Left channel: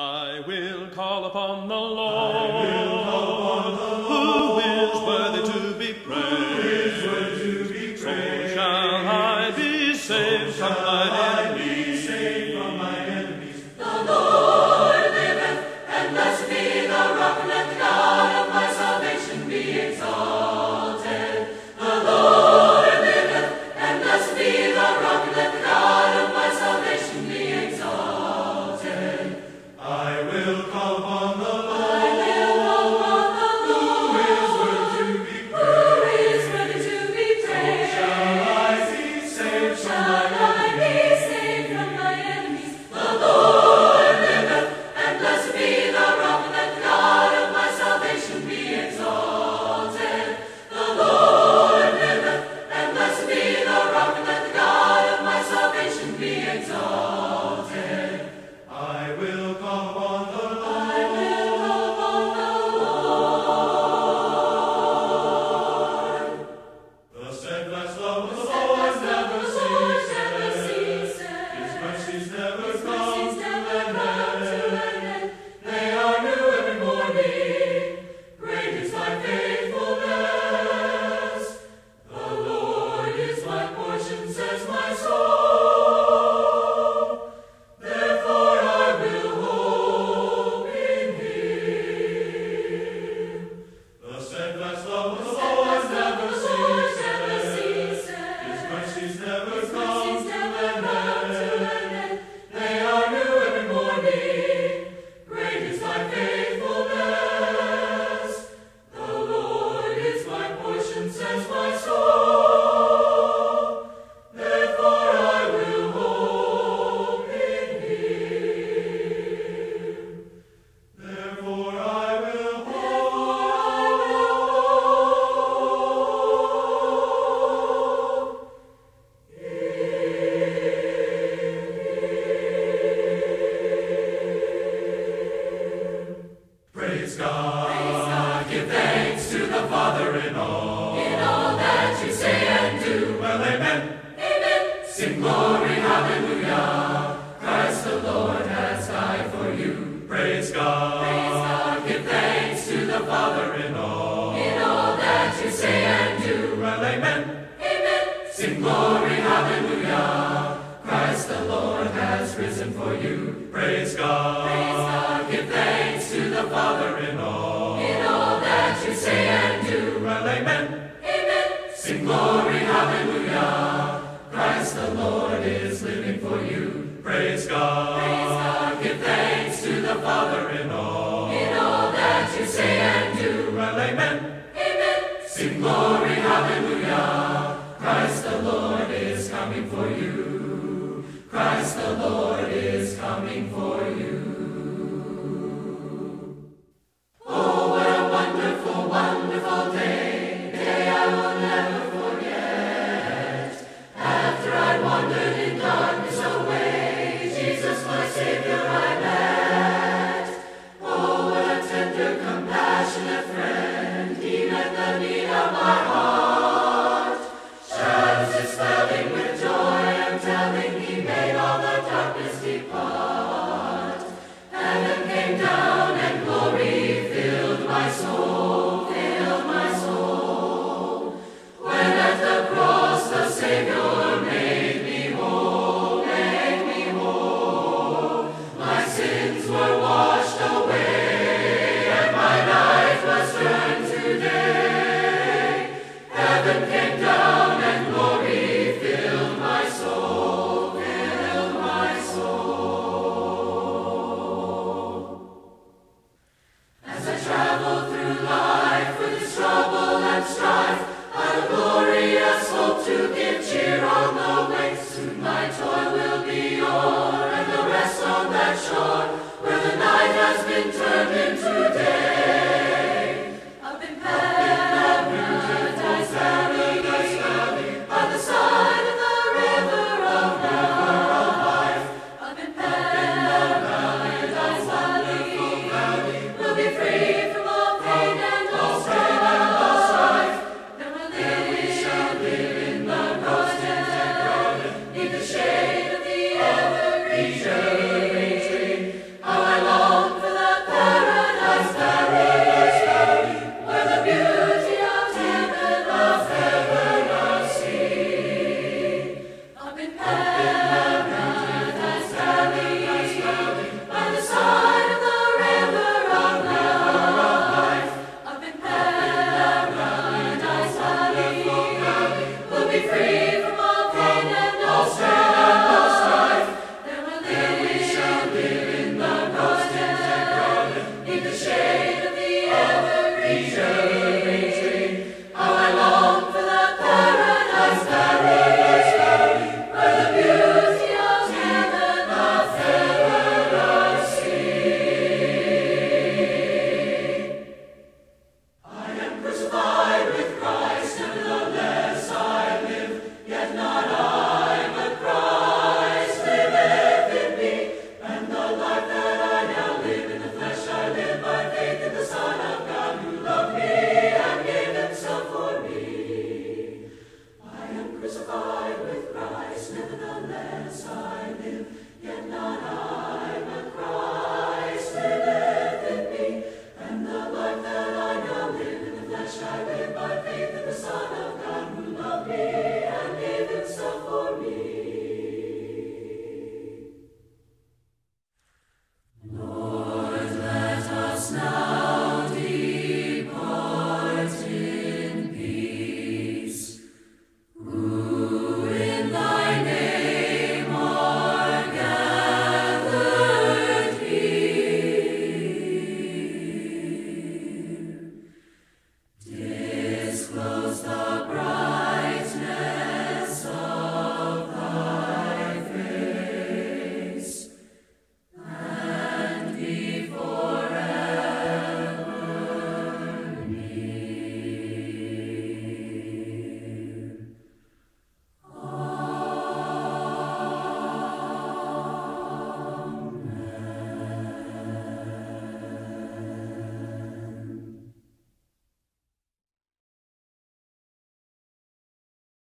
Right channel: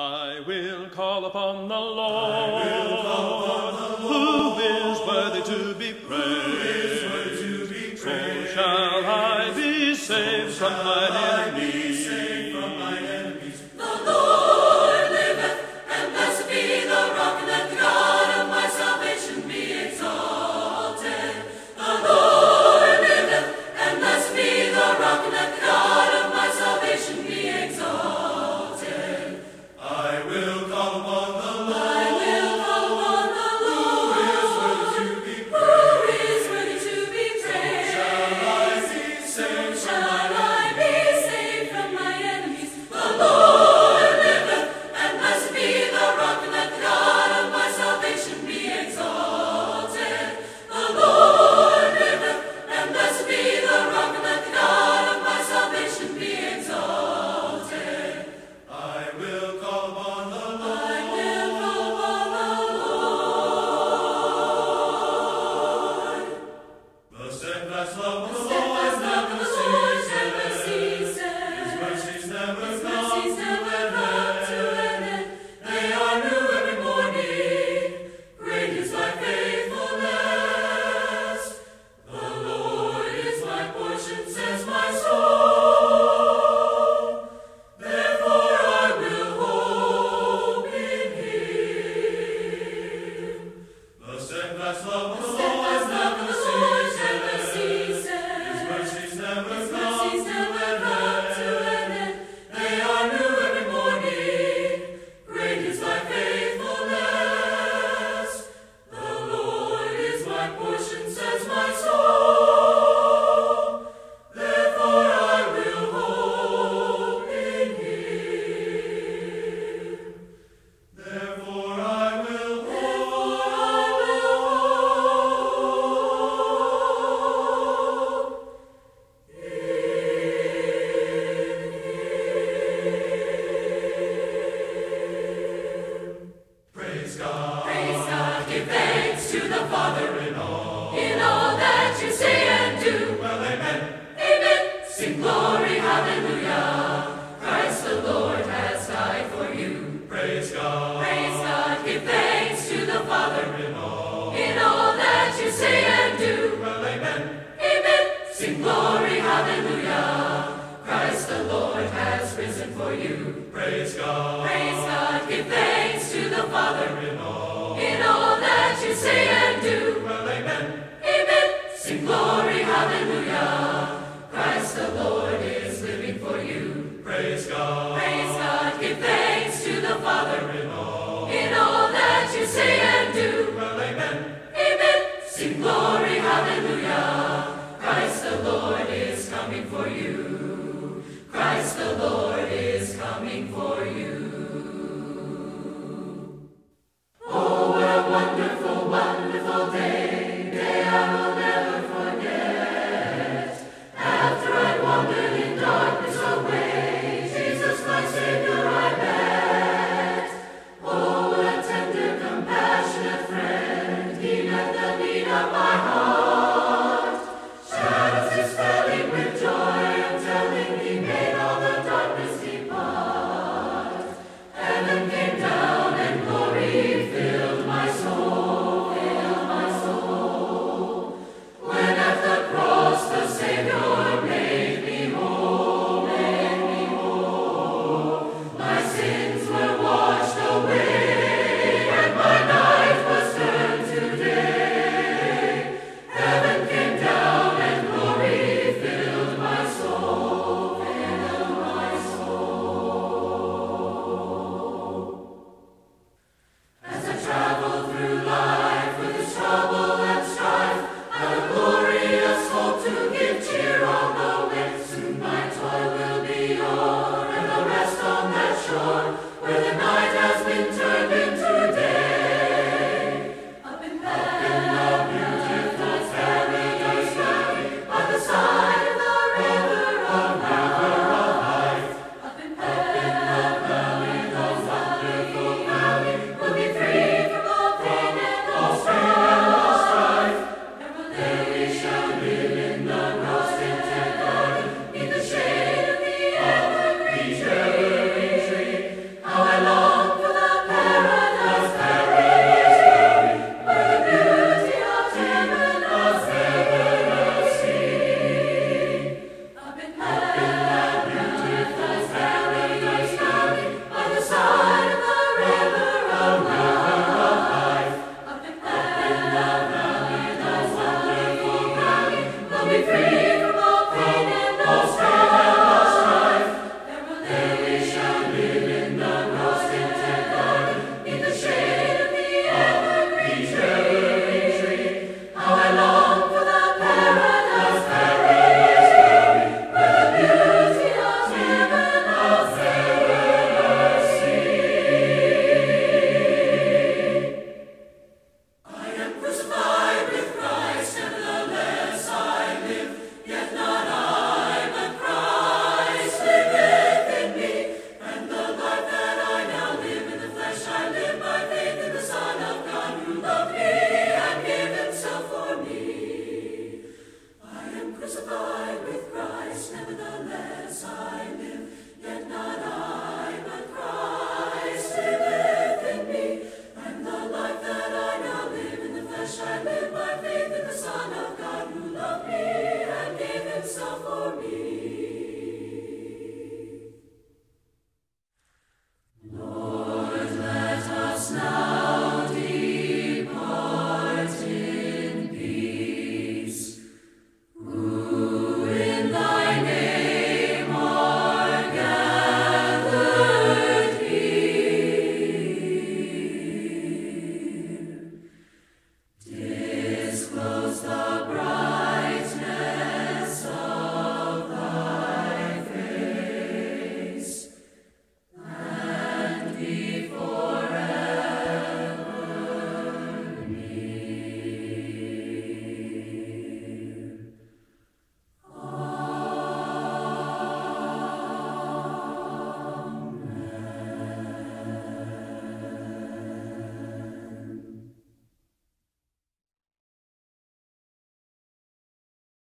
I will call upon the Lord, who is worthy to be praised. So shall I be saved from mine enemies. The Lord liveth, and blessed be the rock, let the God of my salvation be exalted. The Lord liveth, and blessed be the rock, let the God of my salvation be exalted. I will call upon the Lord, who is worthy to be praised. shall I be saved from Shall mine I be saved from my enemies? The Lord liveth, and blessed be the rock, and let the God of my salvation be exalted. The Lord liveth, and blessed be the rock, and let the God of my salvation be exalted. I will call upon the Lord. The steadfast love of the Lord never ceases. His mercies never come to an end. They are new every morning. Great is thy faithfulness. The Lord is my portion, says my soul. Therefore I will hope in him. The steadfast love of the Lord Steadfast love never of the Lord never ceases. ceases. His mercies never His come mercies to never an come to end. an end. They are new every morning. Great is thy faithfulness. The Lord is my portion, says my soul. Therefore I will hope in him. Therefore I will hope. Praise God. Praise God, give thanks to the Father in all. in all that you say and do. Well, amen. Amen. Sing glory, hallelujah. Christ the Lord has died for you. Praise God. Praise God, give thanks to the Father in all. in all that you say and do. Well, amen. Amen. Sing glory, hallelujah. Christ the Lord has risen for you. Praise God. Praise God, give thanks to the Father in all. that you say and do. Well, amen. Amen. Sing glory, hallelujah. Christ the Lord is living for you. Praise God. Praise God, give thanks to the Father in all. that you say and do. Well, amen. Amen. Sing glory, hallelujah. Christ the Lord is coming for you. Christ the Lord is coming for you. Oh, what a wonderful, wonderful day. Day I will never forget. After I'd wandered in darkness away, Jesus my Savior I met. Oh, what a tender, compassionate friend. He met the need of my heart. Shadows dispelling with joy and telling he made all the darkness depart. Heaven came down and glory filled my soul, filled my soul. When at the cross the Savior made me whole, made me whole. My sins were washed away, and my night was turned to day. Heaven came down and glory filled my soul, filled my soul. As I travel through life with its trouble and strife, I've a glorious hope to give cheer on the way. Soon my toil will be o'er, and I'll rest on that shore where the night has been turned